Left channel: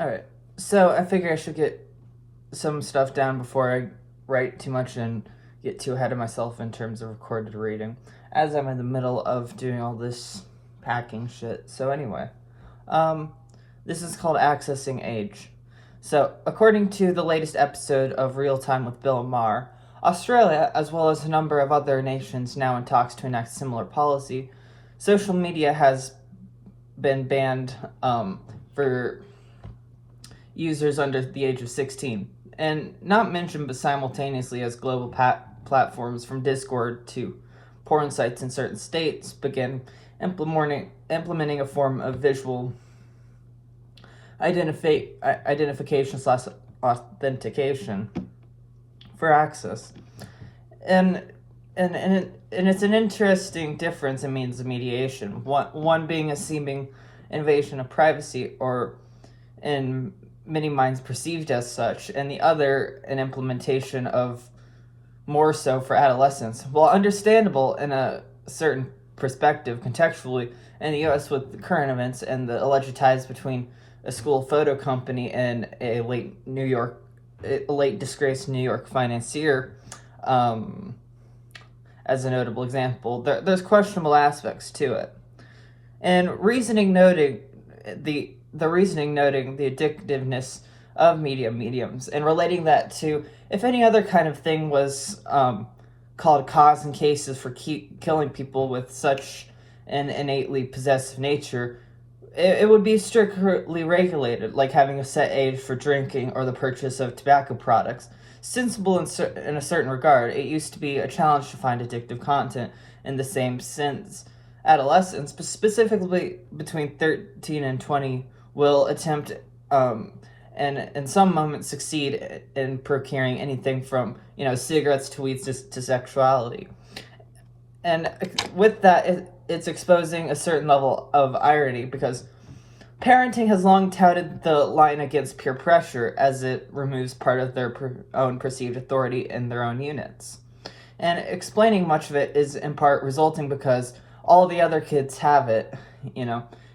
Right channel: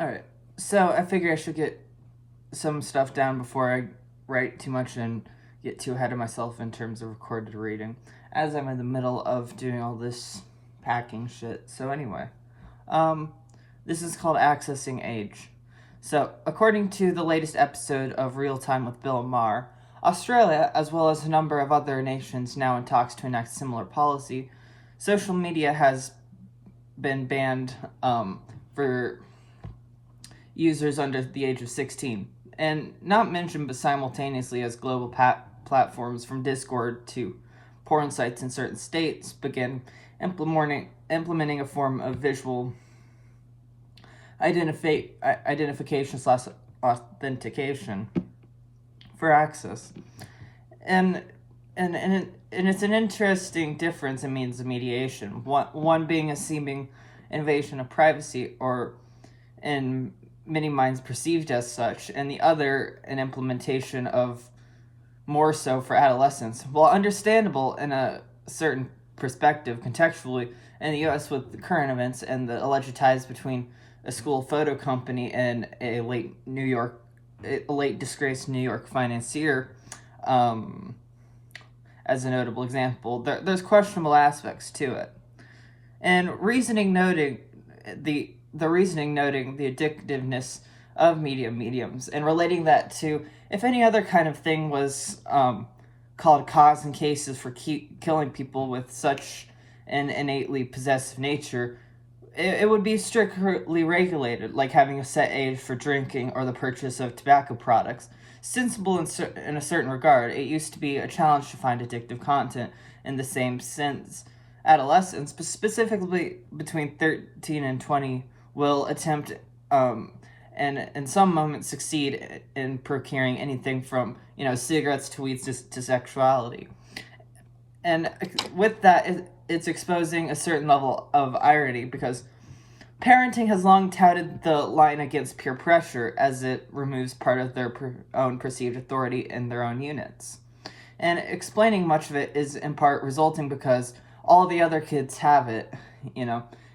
Alright, so I figure I should get some stuff down before I write too much and get too ahead of myself in terms of recorded reading, as I'm in the middle of doing all this packing shit. So anyway, this is called Accessing Age. So, according to the latest episode of Real Time with Bill Maher, Australia, as well as a number of other nations now in talks to enact similar policy, social media has been banned for users under the age of 16. And not mentioned, but simultaneously as global platforms from Discord to porn sites in certain states begin implementing a form of visual identification slash authentication for access. And it's an interesting difference in means of mediation. One being a seeming invasion of privacy, or in many minds perceived as such, and the other an implementation of more so for adolescents. While understandable in a certain perspective contextually in the US with the current events and the alleged ties between a school photo company and a late disgraced New York financier, as a notable example, there's questionable aspects to it. And reasoning noting the addictiveness of mediums and relating that to if any other kind of thing was called cause and cases for killing people with such an innately possessive nature, it would be strictly regulated, like having a set age for drinking or the purchase of tobacco products. Sensible in a certain regard, it used to be a challenge to find addictive content in the same sense. Adolescents, but specifically between 13 and 20, will attempt and in some moments succeed in procuring anything from cigarettes to weeds to sexuality. And with that, it's exposing a certain level of irony, because parenting has long touted the line against peer pressure, as it removes part of their own perceived authority in their own units. And explaining much of it is in part resulting because all the other kids have it,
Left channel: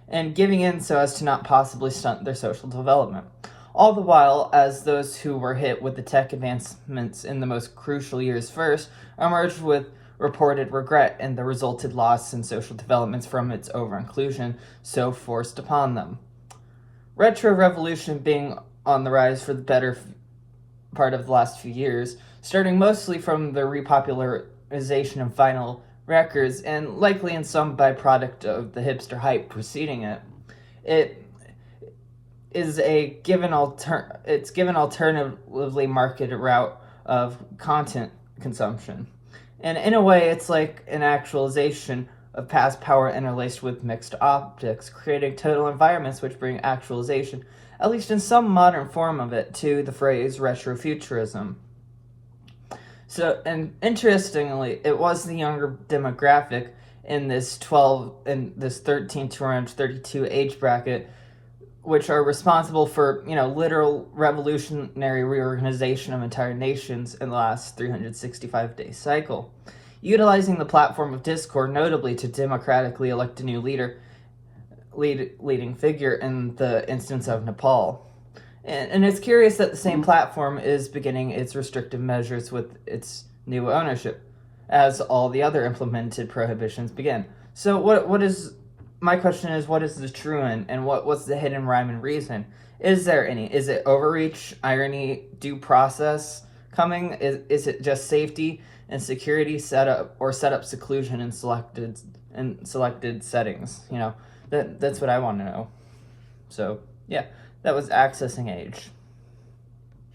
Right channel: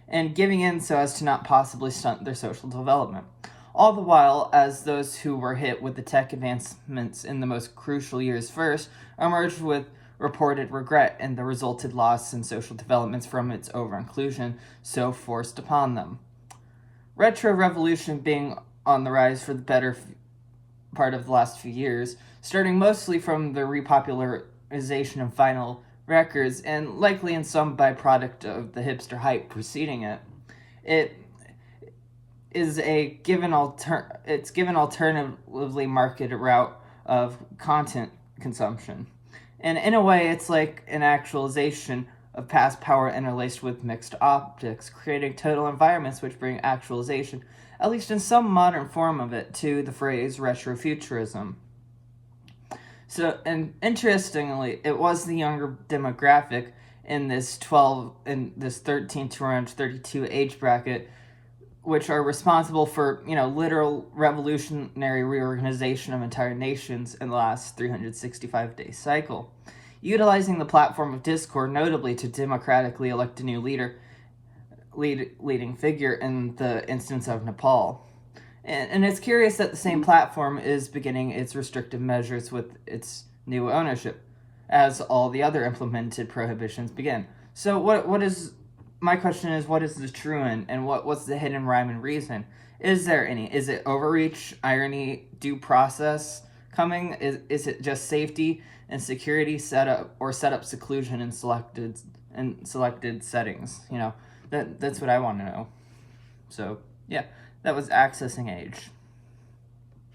and giving in so as to not possibly stunt their social development. All the while, as those who were hit with the tech advancements in the most crucial years first emerged with reported regret and the resulted loss in social developments from its over-inclusion so forced upon them. Retro revolution being on the rise for the better part of the last few years, starting mostly from the repopularization of vinyl records, and likely in some byproduct of the hipster hype preceding it. It is given alternatively marketed route of content consumption. And in a way, it's like an actualization of past power interlaced with mixed optics, creating total environments which bring actualization, at least in some modern form of it, to the phrase retrofuturism. So, and interestingly, it was the younger demographic in this 13 to around 32 age bracket, which are responsible for, literal revolutionary reorganization of entire nations in the last 365-day cycle. Utilizing the platform of Discord, notably to democratically elect a new leading figure in the instance of Nepal. And it's curious that the same platform is beginning its restrictive measures with its new ownership, as all the other implemented prohibitions begin. So my question is, what is the truant, and what's the hidden rhyme and reason? Is there any? Is it overreach, irony, due process coming? Is it just safety and security setup seclusion in selected settings? That's what I want to know. So yeah, that was Accessing Age.